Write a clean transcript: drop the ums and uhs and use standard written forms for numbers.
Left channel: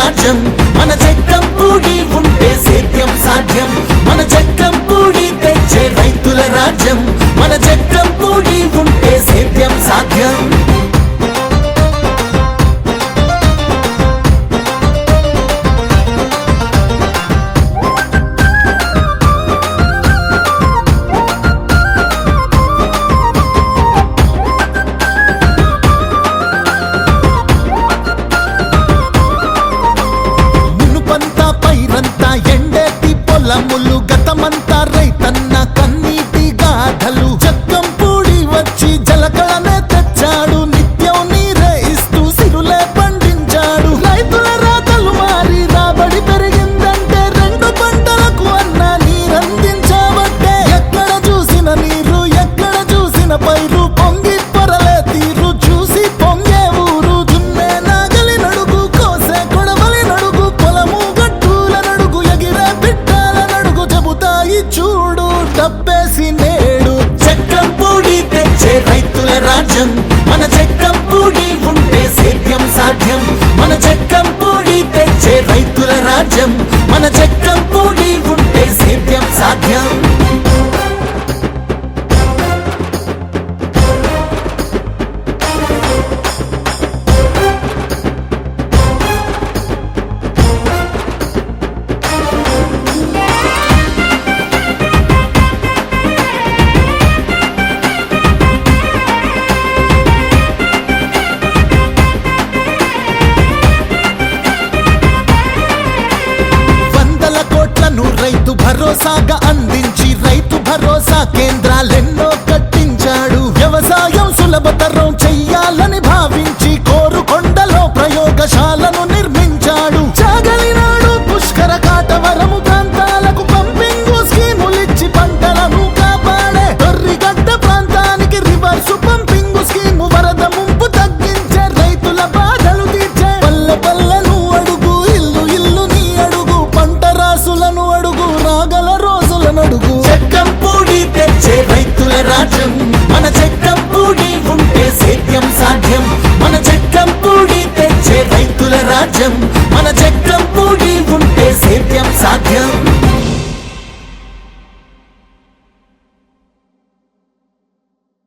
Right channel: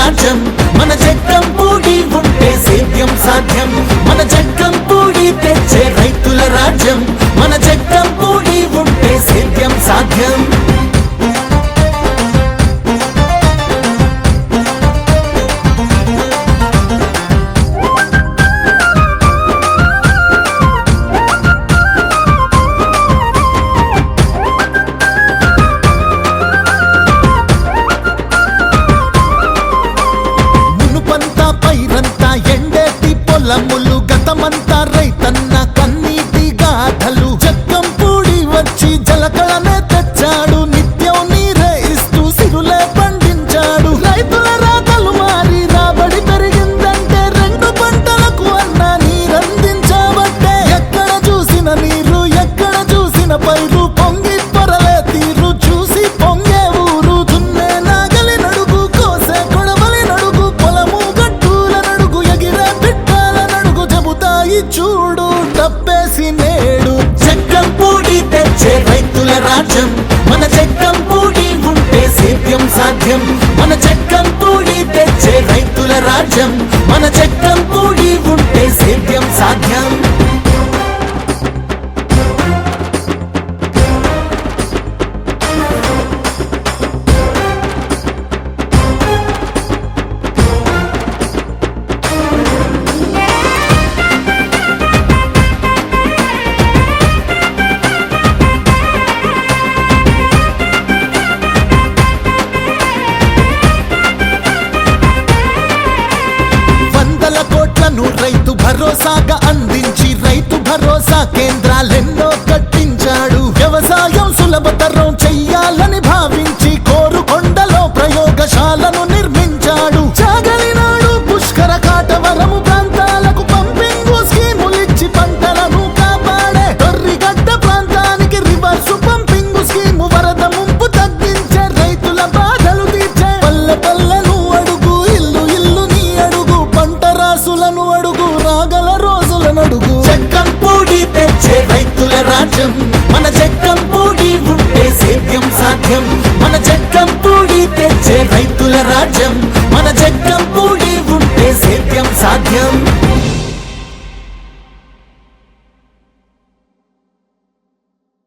రాజ్యం మన జగ్గంపూడి ఉంటే సేద్యం సాధ్యం మన జగ్గంపూడి తెచ్చే రైతుల రాజ్యం మన జగ్గంపూడి ఉంటే సేద్యం సాధ్యం పైరంతా ఎండేటి పొలములు గతమంతా రైతన్న కన్నీటి గాథలు జగ్గంపూడి వచ్చి జలకళనే తెచ్చాడు నిత్యం నీరే ఇస్తూ సిరులే పండించాడు రైతుల రాతలు మారి రాబడి పెరిగిందంటే 2 పంటలకు అన్న నీరందించబట్టే ఎక్కడ చూసిన నీరు ఎక్కడ చూసిన పైరు పొంగి పొరలే తీరు చూసి పొంగే ఊరు దున్నే నాగలి నడుగు కోసే కొడవలి నడుగు పొలము చూడు డబ్బేసి నేడు జగ్గంపూడి తెచ్చే రైతుల రాజ్యం మన జగ్గంపూడి ఉంటే సేద్యం సాధ్యం మన జగ్గంపూడి తెచ్చే రైతుల రాజ్యం మన జగ్గంపూడి ఉంటే సేద్యం సాధ్యం కోట్లను రైతు భరోసాగా అందించి రైతు భరోసా కేంద్రాలెన్నో కట్టించాడు వ్యవసాయం సులభతరం చెయ్యాలని భావించి కోరుకొండలో ప్రయోగశాలను నిర్మించాడు చాగలినాడు పుష్కర కాటవరము ప్రాంతాలకు పంపింగ్ స్కీములిచ్చి పంటలను కాపాడే దొర్రిగడ్డ ప్రాంతానికి రివర్సు పంపింగ్ స్కీము వరద ముంపు తగ్గించే రైతుల బాధలు తీర్చే పల్లె పల్లెను అడుగు ఇల్లు ఇల్లు నీ అడుగు పంట రాసులను అడుగు రాగల రోజులను అడుగు జగ్గంపూడి తెచ్చే రైతుల రాజ్యం మన జగ్గంపూడి ఉంటే సేద్యం సాధ్యం మన జగ్గంపూడి తెచ్చే రైతుల రాజ్యం మన జగ్గంపూడి ఉంటే సేద్యం సాధ్యం